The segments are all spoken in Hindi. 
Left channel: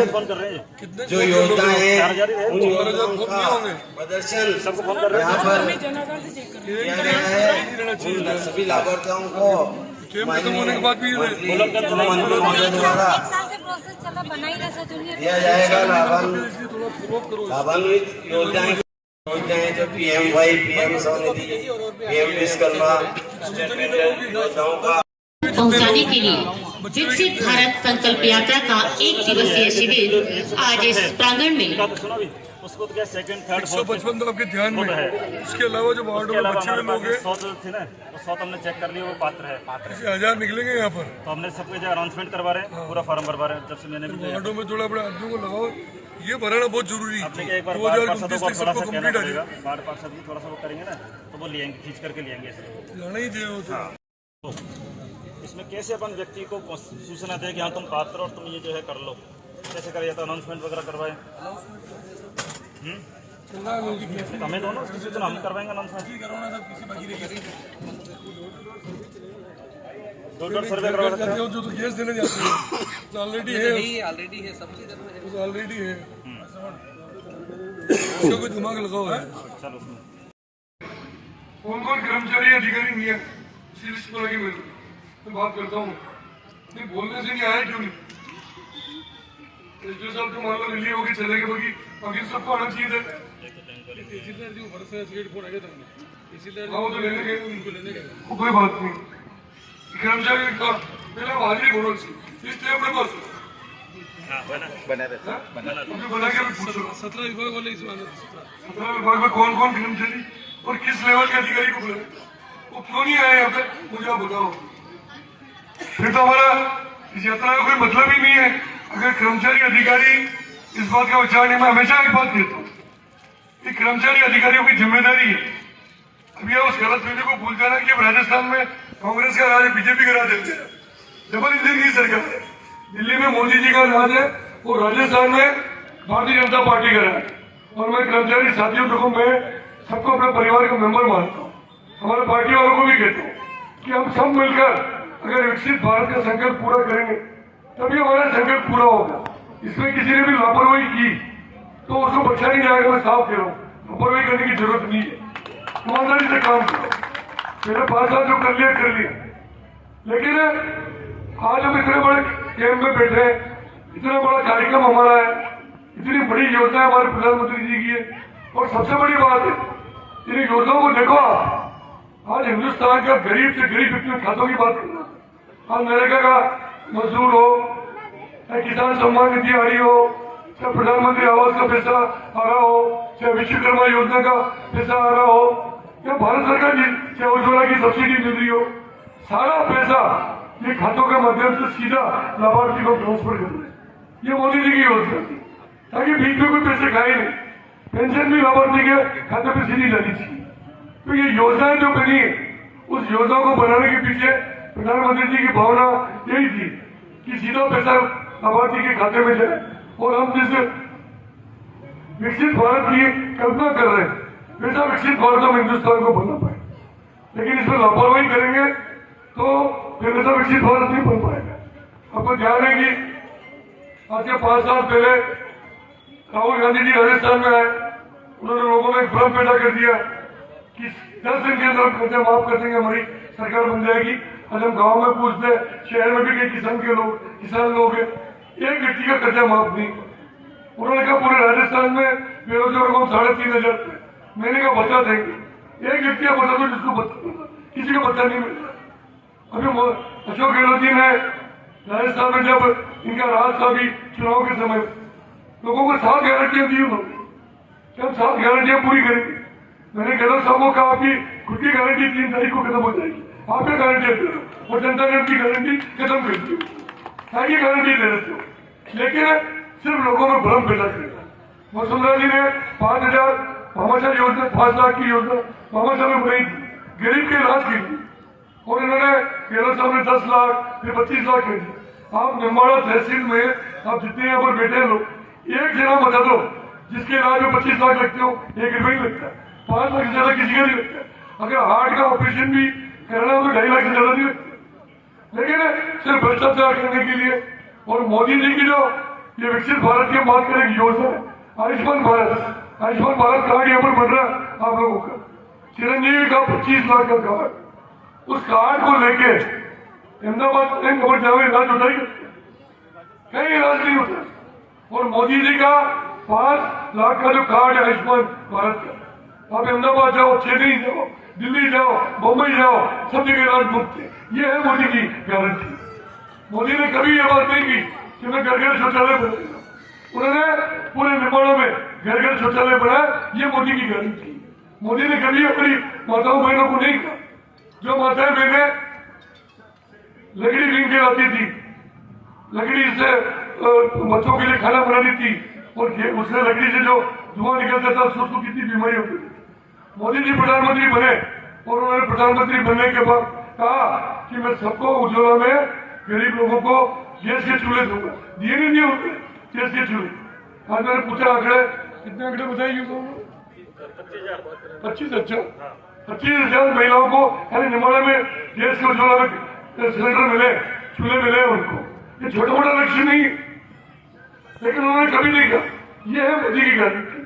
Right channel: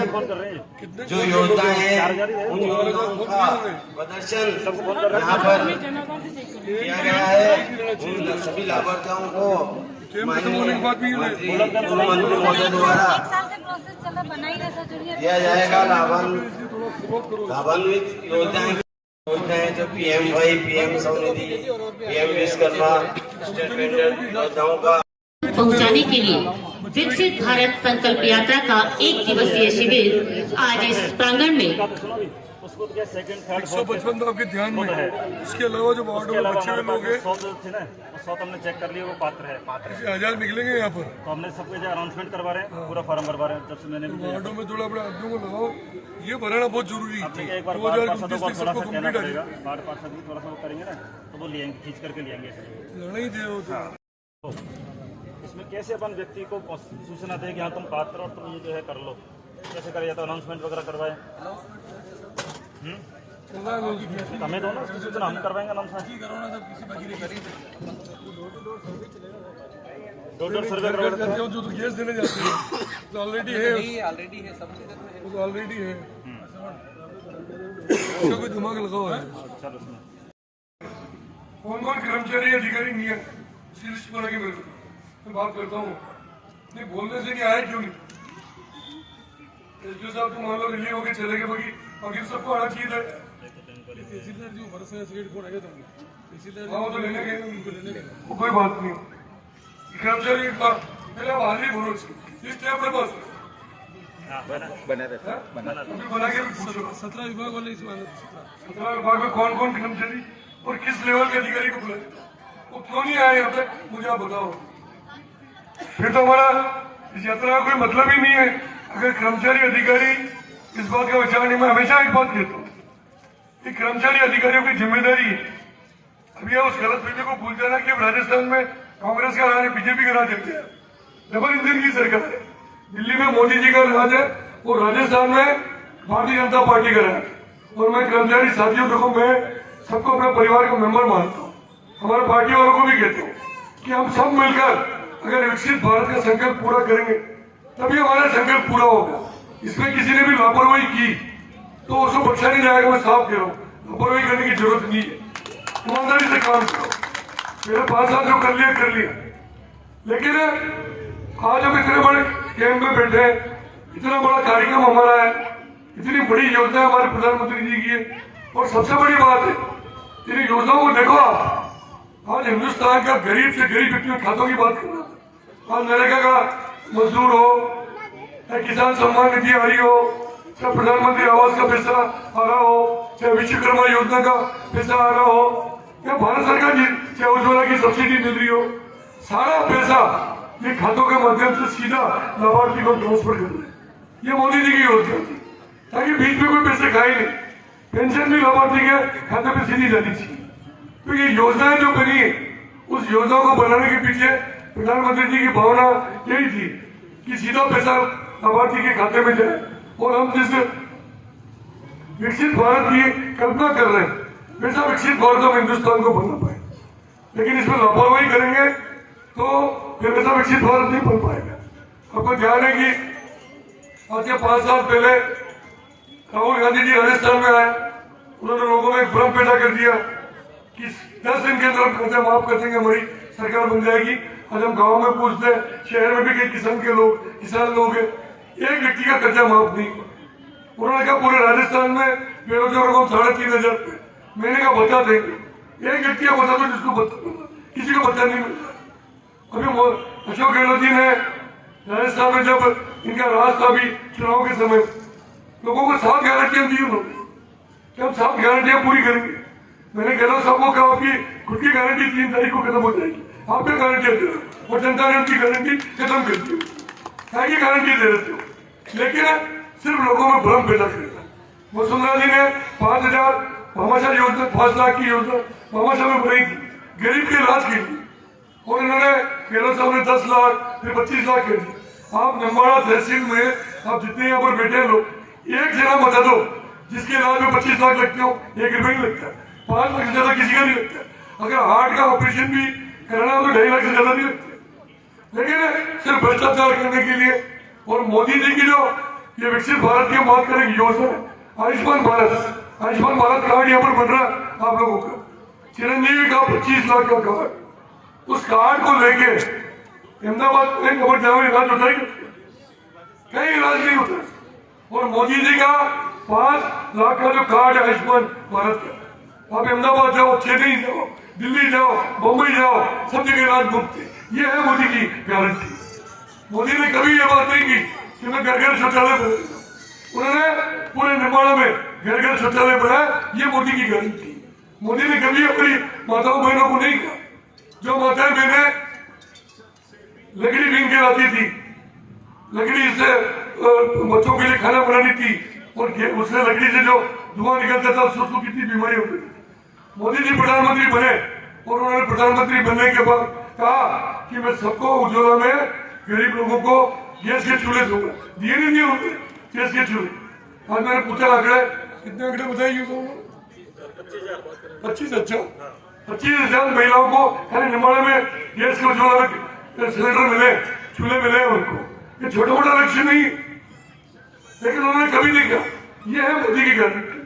जो योजनाएं हैं उन योजनाओं का प्रदर्शन यहाँ पर किया गया है। उन सभी लाभार्थियों को खत्म होने के बाद भी द्वारा दिया जाएगा लाभान्वित योजनाएं जो PM-WAY, PM Svanidhi, PM Vishwakarma योजनाओं का पहुंचाने के लिए विकसित भारत संकल्प यात्रा का 1 दिवसीय शिविर आज इस प्रांगण में उसको तो क्या सेकंड थर्ड 155 तो आपके ध्यान में है। उसके अलावा जो वार्डों में बच्चे हुए लोग हैं 100 थे ना, वो 100 हमने चेक कर लिया, वो पात्र है। 1000 निकलेंगे यहाँ पर, तो हमने सबको जो अनाउंसमेंट करवा रहे हैं, पूरा फॉर्म भरवा रहे हैं। जब से मैंने वार्डों में थोड़ा बड़ा आदमियों को लगाओ, ये भराना बहुत जरूरी है। 2029 तक सबको कंप्लीट आ जाएगा। वार्ड पार्षद भी थोड़ा सा वो करेंगे ना, तो वो लेंगे, खींच करके लेंगे। लड़ना ही चाहिए वो तो। इसमें कैसे अपन व्यक्ति को सूचना दे कि हाँ तुम पात्र और तुम ये जो है कर लो, कैसे करें? या तो अनाउंसमेंट वगैरह करवाए, हमें दोनों उसकी सूचना हम करवाएंगे। अनाउंसमेंट डोर सर्वे करवाते हैं, जो तो गैस देने जाते हैं तो ऑलरेडी है सब चीज ऑलरेडी है। इसका कोई दिमाग लगाओ है। कौन कौन कर्मचारी अधिकारी नहीं है लगी मैं बात करता हूँ। नहीं बोलने से नहीं आया क्यों नहीं? एसडीओ साहब तो मान लो रिलीव होकर चले गए, बाकी सबको आना चाहिए था। कोई बात नहीं, कर्मचारी का पहले हाजिरी बोलो अपने पास बना के पूछो 17 विभाग वाले 17 विभाग में कौन कौन कर्मचारी और किस लेवल के अधिकारी को बुलाए, वो क्यों नहीं आए यहाँ पे मुझे आप बताओ। फिर तो हमारा इस यात्रा का कोई मतलब ही नहीं है अगर कर्मचारी अधिकारी इस बात का विचार नहीं। मैं हमेशा एक बात कहता हूँ कि कर्मचारी अधिकारियों की जिम्मेदारी है। अभी उस गलत फहमी को भूल जाना कि राजस्थान में कांग्रेस का राज, बीजेपी का राज है। डबल इंजन की सरकार है। दिल्ली में मोदी जी का राज है और राजस्थान में भारतीय जनता पार्टी का राज है। और मैं कर्मचारी साथियों को मैं सबको अपने परिवार का मेंबर मानता हूँ। हमारे पार्टी वालों को भी कहते हैं कि हम सब मिलकर अगर विकसित भारत का संकल्प पूरा करेंगे तभी हमारा संकल्प पूरा होगा। इसमें किसी ने भी लापरवाही की तो उसको बख्शा नहीं जाएगा। मैं साफ कह रहा हूँ, लापरवाही करने की जरूरत नहीं है। ईमानदारी से काम करो। मेरे 5 साल जो कर लिया, लेकिन आज हम इतने बड़े कैंप में बैठे, इतना बड़ा कार्यक्रम हमारा है, इतनी बड़ी योजना हमारे प्रधानमंत्री जी की है। और सबसे बड़ी बात है, इन योजनाओं को देखो आप, आज हिंदुस्तान का गरीब से गरीब व्यक्ति में खातों की बात कर रहा था। आज नरेगा का मजदूर हो, चाहे किसान सम्मान निधि आ रही हो, चाहे प्रधानमंत्री आवास का पैसा आ रहा हो, चाहे विश्वकर्मा योजना का पैसा आ रहा हो, या भारत सरकार की चाहे उज्ज्वला की सब्सिडी मिल रही हो, सारा पैसा ये खातों के माध्यम से सीधा लाभार्थी को ट्रांसफर कर रहे हैं। ये मोदी जी की योजना थी ताकि बीच में कोई पैसे खाए नहीं। पेंशन भी लाभार्थी के खाते में सीधी जानी चाहिए। तो ये योजनाएं जो बनी है, उस योजना को बनाने के पीछे प्रधानमंत्री जी की भावना यही थी कि सीधा पैसा लाभार्थी के खाते में जाए और हम जिस विकसित भारत की कल्पना कर रहे हैं वैसा विकसित भारत हम हिंदुस्तान को बना पाए। लेकिन इसमें लापरवाही करेंगे तो फिर वैसा विकसित भारत नहीं बन पाएगा। आपको ध्यान है कि आज के 5 साल पहले राहुल गांधी जी राजस्थान में आए, उन्होंने लोगों में भ्रम पैदा कर दिया कि 10 दिन के अंदर कर्जा माफ कर देंगे, हमारी सरकार बन जाएगी। आज हम गाँव में पूछते हैं, शहर में भी कई किसान लोग हैं, एक व्यक्ति का कर्जा माफ नहीं। उन्होंने कहा पूरे राजस्थान में बेरोजगारों को 3500 महीने का भत्ता देंगे। एक व्यक्ति का बता दो जिसको किसी को भत्ता नहीं मिलता। अभी अशोक गहलोत जी ने राजस्थान में जब इनका राज था भी चुनाव के समय, लोगों को 7 गारंटियां दी उन्होंने कि हम 7 गारंटियां पूरी करेंगे। मैंने गहलोत साहब को कहा आपकी खुद की गारंटी 3 तारीख को खत्म हो जाएगी, आप क्या गारंटियां दे रहे हो? और जनता ने उनकी गारंटी खत्म कर दी। की गारंटी दे रहे थे, लेकिन सिर्फ लोगों में भ्रम पैदा करेगा। वसुंधरा जी ने 5000 भामाशाह योजना, 5 लाख की योजना भामाशाह में बनी थी, गरीब के इलाज के लिए, और उन्होंने गहलोत साहब ने 10 लाख फिर 25 लाख कर दिए। आप नंबाड़ा तहसील में आप जितने यहाँ पर बैठे लोग, एक जगह बता दो जिसके इलाज में 25 लाख लगते हो, 1 रुपये नहीं लगता। 5 लाख से ज्यादा किसी का नहीं लगता। अगर हार्ट का ऑपरेशन भी कराना हो तो 2.5 लाख से ज्यादा नहीं लगता। लेकिन सिर्फ भ्रष्टाचार करने के लिए और मोदी जी की जो ये विकसित भारत की बात करें योजना आयुष्मान भारत कार्ड यहाँ पर बन रहा है आप लोगों का। चिरंजीवी का 25 लाख का कार्ड, उस कार्ड को लेके अहमदाबाद में खबर जावे इलाज होता है, कहीं इलाज नहीं होता। और मोदी जी का 5 लाख का जो कार्ड है आयुष्मान भारत का, आप अहमदाबाद जाओ, चेन्नई जाओ, दिल्ली जाओ, बम्बई जाओ, सब जगह इलाज मुफ्त है। ये है मोदी की गारंटी। मोदी ने कभी ये बात नहीं की कि मैं घर घर शौचालय बनाऊंगा। उन्होंने पूरे निर्माण में घर घर शौचालय बनाया, ये मोदी की गारंटी। मोदी ने कभी अपनी माताओं बहनों को नहीं कहा, जो माताएं बहनें लकड़ी बीन के लाती थी, लकड़ी से बच्चों के लिए खाना बनानी थी, और उससे लकड़ी से जो धुआं निकलता था उसको कितनी बीमारी होती थी। मोदी जी प्रधानमंत्री बने और उन्होंने प्रधानमंत्री बनने के बाद कहा कि मैं सबको उज्ज्वला में गरीब लोगों को गैस के चूल्हे दूंगा। दिए नहीं दिए होते गैस के चूल्हे। आज मैंने पूछा आंकड़े, कितने आंकड़े बताइए? 25। अच्छा, 25,000 महिलाओं को निर्माण में गैस के उज्ज्वला में सिलेंडर मिले, चूल्हे मिले उनको। ये छोटा मोटा लक्ष्य नहीं, लेकिन उन्होंने कभी नहीं कहा ये है मोदी की गारंटी।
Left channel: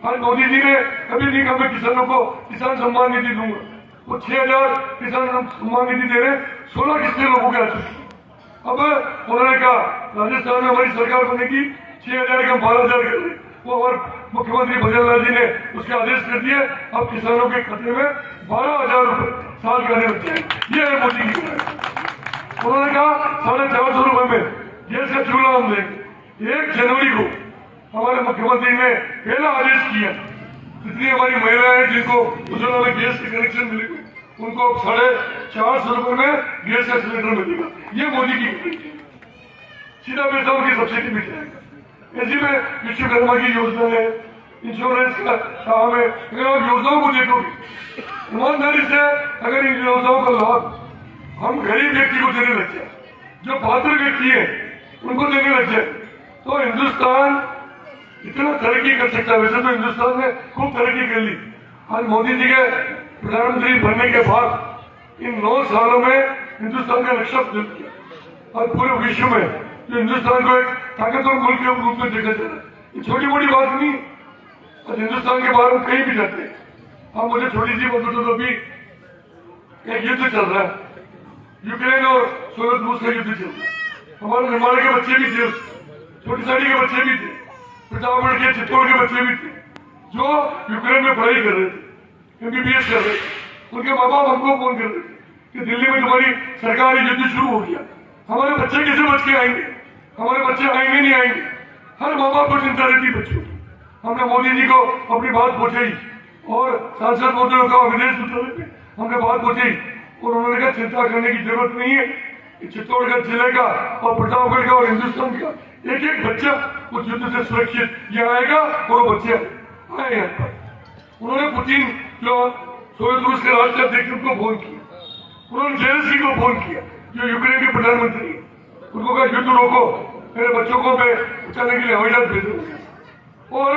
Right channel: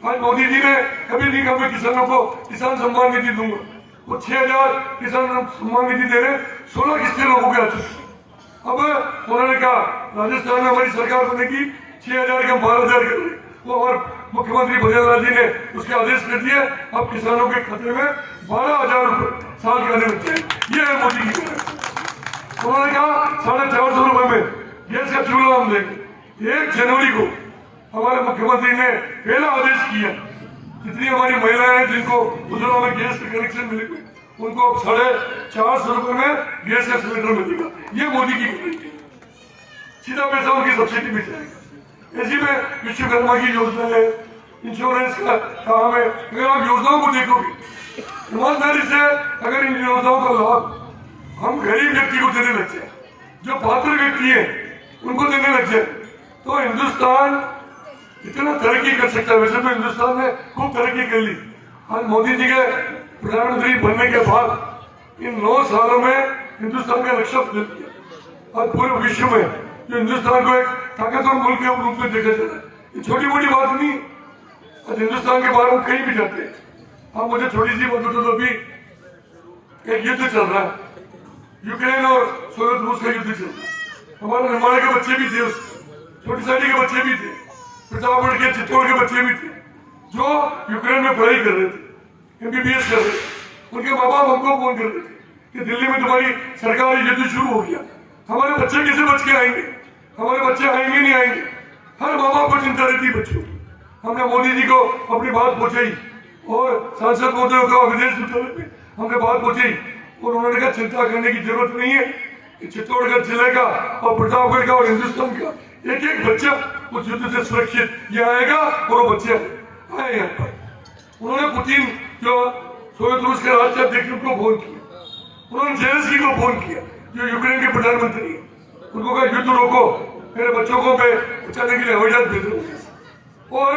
आज मोदी जी ने कभी नहीं कहा मैं किसानों को किसान सम्मान निधि दूंगा। वो 6,000 किसान सम्मान निधि दे रहे, 16 किस्तें लोगों के हाथ। अब उन्होंने कहा राजस्थान में हमारी सरकार बनेगी, 6,000 का 12,000 कर रहे। वो और मुख्यमंत्री भजनलाल जी ने उसके आदेश कर दिए, अब किसानों के खाते में 12,000 रुपए साल के आने लग जाए। ये है मोदी की गारंटी। उन्होंने कहा 450 रुपए में गैस का चूल्हा हम देंगे। 1 जनवरी को हमारे मुख्यमंत्री ने पहला आदेश किया, जितनी हमारी महिलाएं हैं जिनको उज्ज्वला में गैस के कनेक्शन मिले उनको 450 रुपए में गैस का सिलेंडर मिलेगा। ये मोदी की गारंटी। सीधा पैसा उनकी सब्सिडी मिल जाएगा। ऐसी में विश्वकर्मा की योजना है, इंश्योरेंस का काम है। अगर आप योजनाओं को देखोगे ईमानदारी से, अगर इन योजनाओं का लाभ हम गरीब व्यक्ति को देने लग जाए, जो पात्र व्यक्ति है उनको देने लग जाए, तो हिंदुस्तान इतना तरक्की कर सकता है। वैसे तो हिंदुस्तान ने खूब तरक्की कर ली। आज मोदी जी के प्रधानमंत्री बनने के बाद इन 9 सालों में हिंदुस्तान का नक्शा बदल दिया। और पूरे विश्व में जो हिंदुस्तान को एक ताकतवर मुल्क के रूप में देखा जा रहा है, ये छोटी मोटी बात नहीं। आज हिंदुस्तान के बारे में कहीं भी जाते हैं, आप मुझे छोटी सी बात बता दो, अभी एक युद्ध चल रहा है, यूक्रेन और सोवियत रूस का युद्ध चल रहा है। हमारे निर्माण के बच्चे भी थे, छोटी साड़ी के बच्चे भी थे, प्रतापगढ़ के चित्तौड़ के बच्चे भी थे, जो यूक्रेन में पढ़ाई कर रहे थे, MBBS कर रहे थे। उनके माँ बाप हमको फोन कर रहे थे कि दिल्ली में तुम्हारी सरकारी युद्ध शुरू हो गया, हमारे बच्चे कैसे बच के आएंगे, हमारे बच्चे आएंगे नहीं आएंगे। हर माँ बाप को चिंता रहती बच्चों की। हमने मोदी जी को अपनी बात पहुंचाई और सांसद महोदय का विदेश मंत्रालय में हमने बात पहुंचाई, और उन्होंने कहा चिंता करने की जरूरत नहीं है। चित्तौड़गढ़ जिले का और प्रतापगढ़ का और हिंदुस्तान का एक एक बच्चा उस युद्ध से सुरक्षित यहाँ आएगा, और वो बच्चे आए यहाँ पर। उन्होंने पुतिन जो सोवियत रूस के राष्ट्राध्यक्ष को फोन किया, उन्होंने जेलेंस्की को फोन किया जो यूक्रेन के प्रधानमंत्री है, उनको कहा युद्ध रोको, मेरे बच्चों को मैं बचाने के लिए हवाई जहाज भेजूंगा। और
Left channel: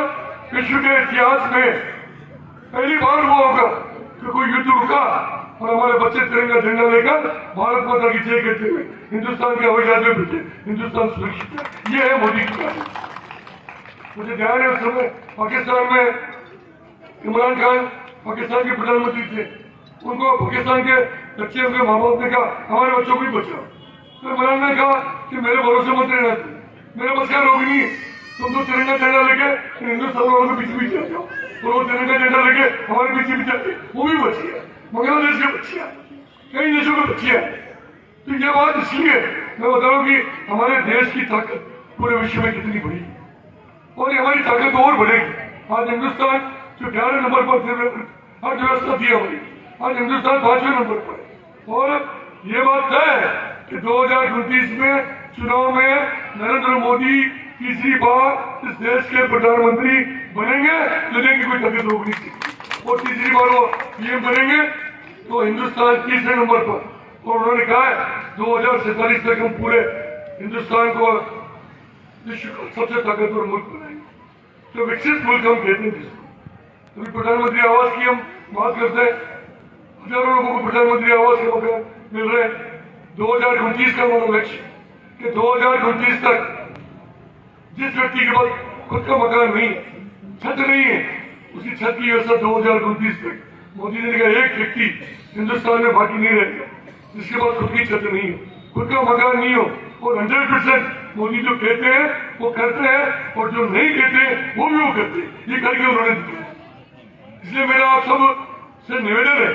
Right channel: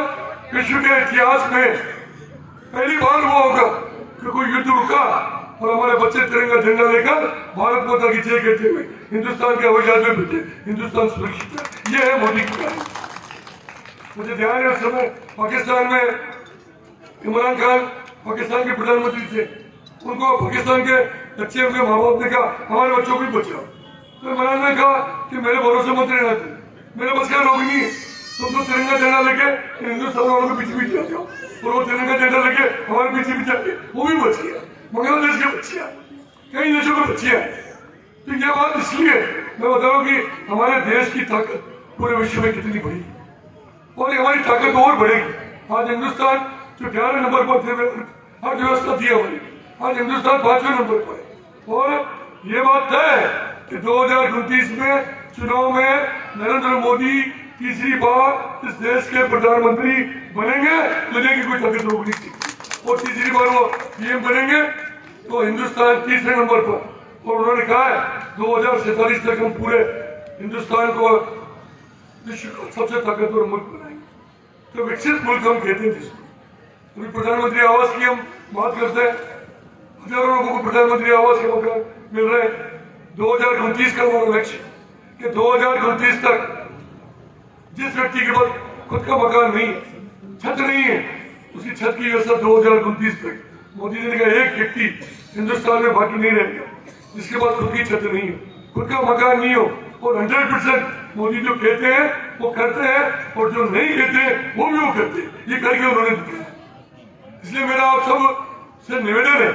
विश्व के इतिहास में पहली बार वो होगा कि कोई युद्ध रुका और हमारे बच्चे तिरंगा झंडा लेकर भारत माता की जय कहते हुए हिंदुस्तान के हवाई जहाज में बैठे। हिंदुस्तान सुरक्षित है। ये है मोदी की बात। मुझे ध्यान है उस समय पाकिस्तान में इमरान खान पाकिस्तान के प्रधानमंत्री थे, उनको पाकिस्तान के बच्चे उनके माँ बाप ने कहा हमारे बच्चों को बचाओ, तो इमरान ने कहा कि मेरे भरोसे मत रहना, मेरे बस का रोग नहीं है, तुम तो तिरंगा झंडा लेके हिंदुस्तान वालों के पीछे पीछे जाओ। और वो तिरंगा झंडा लेके हमारे पीछे पीछे आते, वो भी बच गया। बांग्लादेश के बच्चे हैं, कई देशों के बच्चे हैं। तो ये बात इसलिए मैं बताऊं कि हमारे देश की ताकत पूरे विश्व में कितनी बड़ी है, और हमारी ताकत और बढ़ेगी। आज हिंदुस्तान जो 11 नंबर पर अर्थव्यवस्था थी हमारी, आज हिंदुस्तान 5वें नंबर पर। और ये बात तय है कि 2029 में चुनाव में नरेंद्र मोदी तीसरी बार इस देश के प्रधानमंत्री बनेंगे, दुनिया की कोई ताकत रोक नहीं सकती। और तीसरी बार वो पीएम बनेंगे तो हिंदुस्तान तीसरे नंबर पर। और उन्होंने कहा है 2047 तक हम पूरे हिंदुस्तान को विश्व का सबसे ताकतवर मुल्क बनाएंगे, जो विकसित मुल्क हम कहते हैं जिसको। अभी प्रधानमंत्री आवास की हम बात करते हैं, हजारों लोगों को प्रधानमंत्री आवास के मकान मिल रहे हैं। 2029 का हमारा लक्ष्य कि 2029 तक जिस व्यक्ति के पास खुद का मकान नहीं, छत नहीं है, उसकी छत की व्यवस्था 2029 तक मोदी जी ने कहा एक व्यक्ति हिंदुस्तान में बाकी नहीं रहेगा जिसके पास खुद की छत नहीं है, खुद का मकान नहीं हो। और 100% मोदी जो कहते हैं वो करते हैं, और जो नहीं कहते हैं वो भी वो करते हैं। ये करके उन्होंने दिखाया। इसलिए मेरा आप सब से निवेदन है,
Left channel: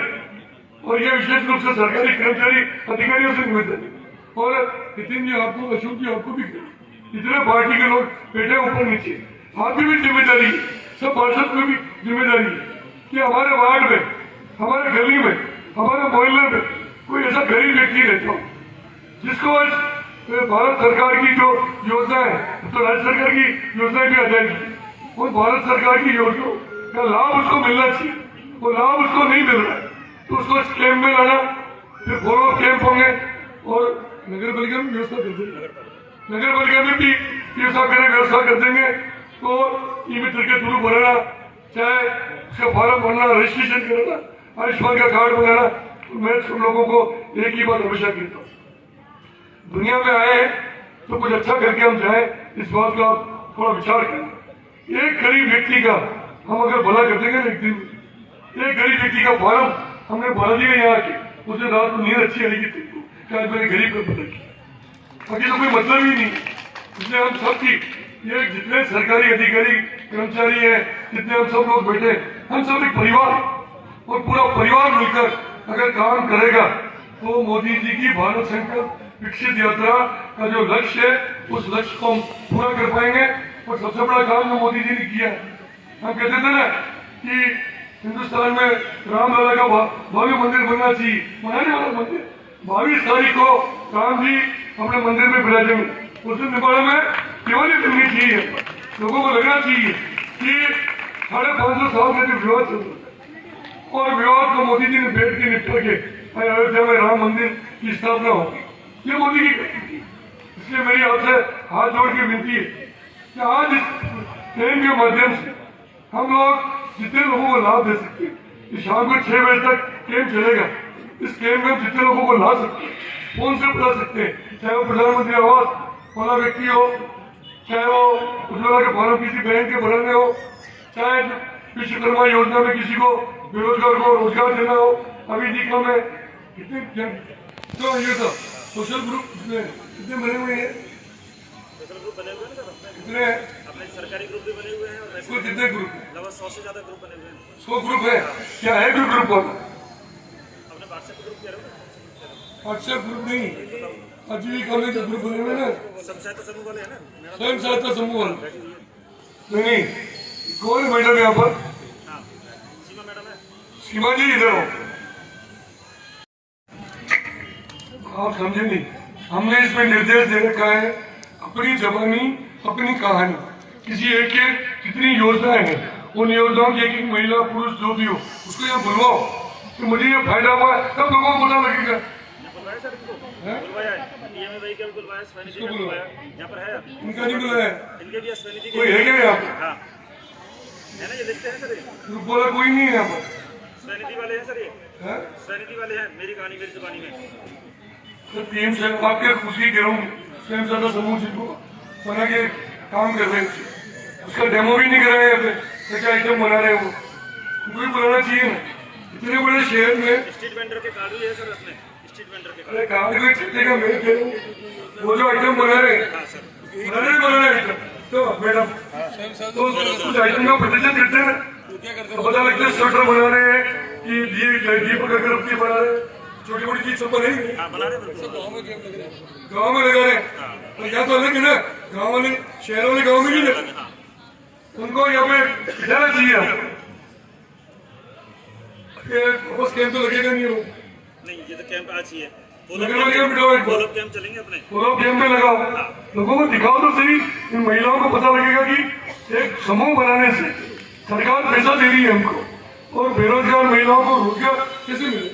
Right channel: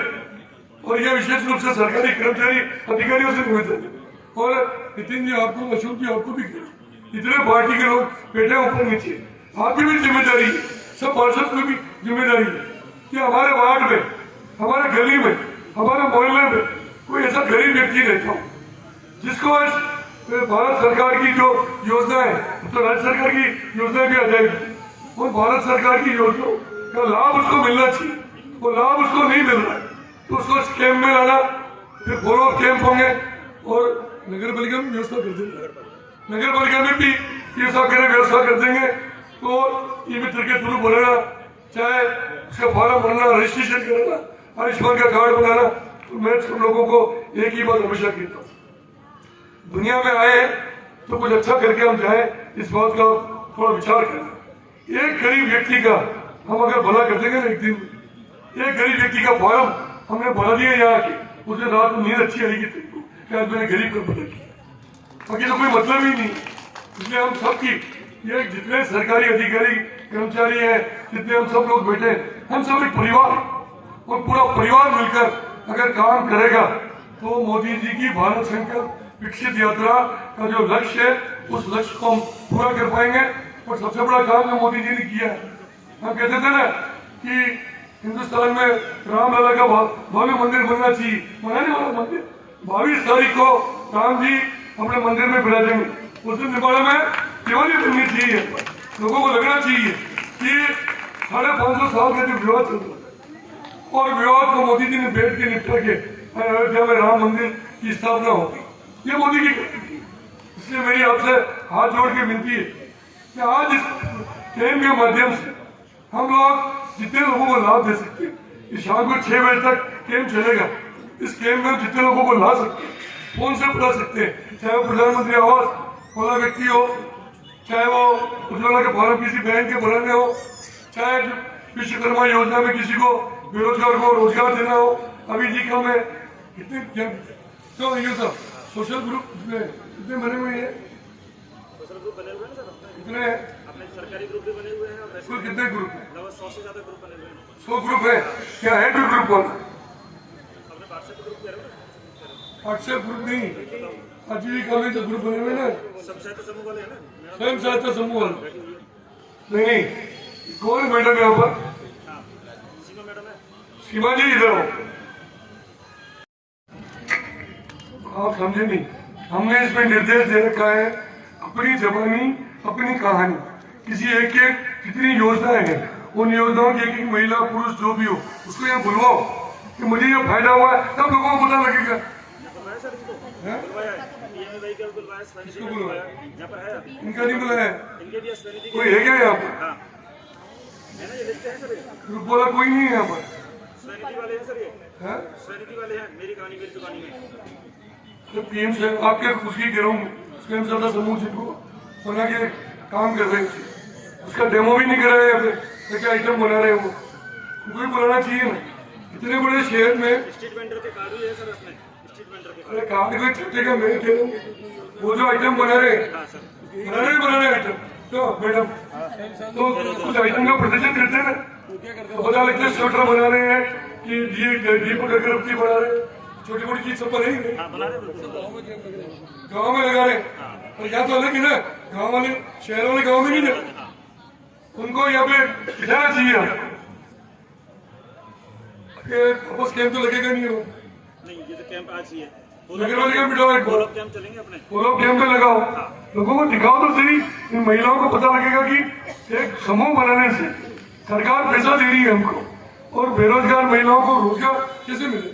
और यह विशेष रूप से सरकारी कर्मचारी अधिकारियों से निवेदन है, और नितिन जी आपको, अशोक जी आपको भी करें, इतने पार्टी के लोग बैठे ऊपर नीचे, आपकी भी जिम्मेदारी है, सब पार्षद की भी जिम्मेदारी है कि हमारे वार्ड में, हमारे गली में, हमारे मोहल्ले में कोई ऐसा गरीब व्यक्ति रहता हो जिसको आज भारत सरकार की जो योजना है, तो राज्य सरकार की योजनाएं भी आ जाएगी, और भारत सरकार की योजना का लाभ उसको मिलना चाहिए, वो लाभ उसको नहीं मिल रहा है तो उसको इस कैंप में आना, फिर फॉलो कैंप होंगे, और नगर पालिका में व्यवस्था कर देंगे, नगर पालिका में भी व्यवस्था कर देंगे। तो ई मित्र के थ्रू बनाना, चाहे उसका फॉर्म भरना, रजिस्ट्रेशन कराना, आयुष्मान का कार्ड बनाना, तो मैं सब लोगों को एक ही बात हमेशा कहता हूँ, दुनिया में आए तो कुछ अच्छा करके हम जाए, इस बात का थोड़ा विचार करना। एक गरीब व्यक्ति का हम अगर भला कर देंगे एक दिन, एक गरीब व्यक्ति का फॉर्म हमने भरा दिया यहाँ के, उस दिन रात को नींद अच्छी आएगी तुमको, क्या मैंने गरीब को भला किया, बाकी तो कोई मतलब ही नहीं। इसलिए हम सबकी, ये जितने सरकारी अधिकारी कर्मचारी हैं, जितने हम सब लोग बैठे, हम सब एक परिवार, और पूरा परिवार मिलकर अगर काम करेगा तो मोदी जी की भारत संकल्प विकसित यात्रा का जो लक्ष्य है, उस लक्ष्य को हम पूरा कर पाएंगे। और सबसे बड़ा काम जो मोदी जी ने किया है, हम कहते थे ना कि हिंदुस्तान में रामलला का भव्य मंदिर बनना चाहिए, बनाने वाला मंदिर 22 तारीख को राम जी अपने मंदिर में विराजेंगे, उस दिन निवाड़ा में केवल बननी चाहिए। लोगों को लगना चाहिए कि 550 साल में जो विवाद चल रहा, और विवाद को मोदी जी ने बैठ के निपटा के अयोध्या में राम मंदिर की स्थापना होगी, ये मोदी की गलती। इसलिए मेरी आपसे हाथ जोड़ के विनती है कि आज इस कैंप के माध्यम से हम लोग जितने लोगों को लाभ दे सकते हैं, कि शाम को 6 बजे तक कैंप चलेगा, इस कैंप में जितने लोगों को ला सकते हैं, फोन से बुला सकते हैं, चाहे वो प्रधानमंत्री आवास वाला व्यक्ति हो, चाहे वो उज्ज्वला के फॉर्म किसी बैंक के भरने हो, चाहे विश्वकर्मा योजना में किसी को बेरोजगार को रोजगार देना हो। अभी जी का मैं कितने तो ये सब सोशल ग्रुप कितने बने हुए हैं, कितने सरकारी ग्रुप भी बने हुए हैं, और इसमें कितने ग्रुप हैं? लगभग 100 से ज्यादा ग्रुप बने हुए हैं। 100 ग्रुप है, क्या है कोई ग्रुप वाला? अपने व्हाट्सएप ग्रुप क्या है? व्हाट्सएप ग्रुप नहीं, आजीविका में जो ग्रुप बने हुए ना, सब सहायता समूह वाले हैं ना, स्वयं सहायता समूह वाले नहीं, कौन है मैडम यहाँ पर? सीमा मैडम है। सीमा जी इधर हो, आप समझे नहीं, हमने इसमें निर्देश दे रखा है, अपनी जवानी अपनी कहानी, किसी एक के कितनी योजनाएं हैं, उन योजनाओं की एक महिला पुरुष जो भी हो उसको यहाँ बुलवाओ कि मुझे ये फायदा हुआ है, तब लोगों को पता लगेगा। इसको बुलवाया, इनका नहीं बुलाया, कोई है क्या यहाँ पर? ग्रुप वाला कोई नहीं है यहाँ पर, स्वनिधि वाले हैं सर, ये स्वनिधि वाले हैं, मेरी कहानी मेरी जुबानी में। तो पीएम से आके पूछी कह रहा हूँ, स्वयं सहायता समूह से को बना के काम कर रहे हैं, उसका डेमो भी नहीं कर रहे हैं, ऐसे आइटम बना रहे हैं वो, कोई बनाना चाहिए ना। इतने बड़े शहर में स्ट्रीट वेंडर के कार्ड भी है सर उसमें, स्ट्रीट वेंडर के अरे कार्ड में छुट्टी का मैं कह रहा हूँ, वो जो आइटम बना रहे आइटम, तो मैडम तो कुछ आइटम का प्रदर्शन करते हैं ना, पता लगता है स्वेटर बना रहे हैं कि दीपक अगरबत्ती बना रहे हैं, छोटी मोटी चीज सब बना रहे गाँव में लगा रहे हैं। और यहाँ तो अलग है ना, गाँव वाले शहर वाले गाँव में नहीं लगे, उनको यहाँ पे बिठाना चाहिए आपको, बस कैंप तो लगेगा नहीं वो नहीं, ये तो कैंप आज ही है, नगर पालिका में बिठाओ, एक बार कैंप चलेंगे अपने, फॉलो कैंप में लगाओ, लोगों को दिखाओ तो सही, इन महिलाओं को पता लगेगा कि एक समूह बनाने से सरकार पैसा दे रही है हमको, और बेरोजगार महिलाओं को रोजगार कैसे मिले,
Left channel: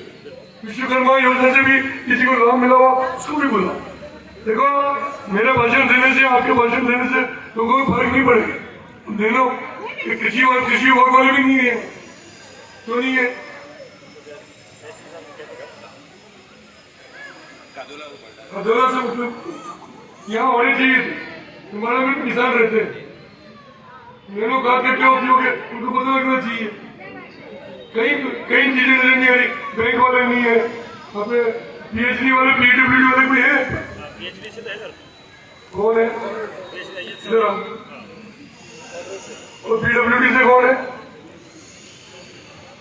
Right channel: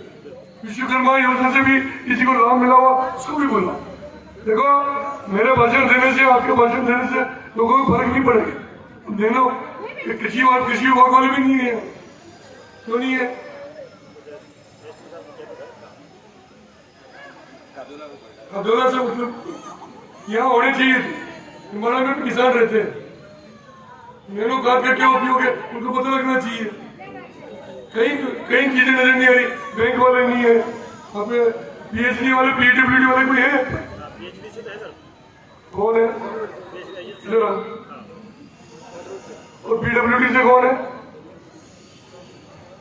विश्वकर्मा योजना से भी किसी को लाभ मिला हुआ उसको भी बोला। देखो मेरे भाषण देने से, आपके भाषण देने से लोगों को फर्क नहीं पड़ेगा, दे लो, कृषि विभाग वाले भी नहीं है, क्यों नहीं है? अधूरा से मतलब यहाँ होने चाहिए थे, तुम्हारे में किसान रहते हैं, नैनो खाद का क्या उपयोग है उनको पता लगना चाहिए। कई चीजें नजर नहीं आ रही, बैंक वाले नहीं है, अपने पीएचडी वाले पीडब्ल्यूडी वाले कोई है? कौन है? और पीडब्ल्यूडी से कौन है?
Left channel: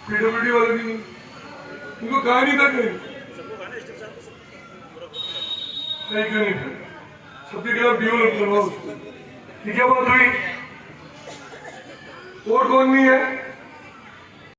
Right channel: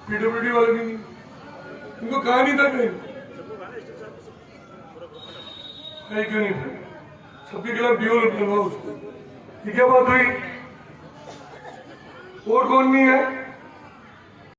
पीडब्ल्यूडी वाले भी नहीं, उनको कहा नहीं था कहीं नहीं, सबके खिलाफ डेवलप करना उसको। क्या बात हुई? और कौन नहीं है?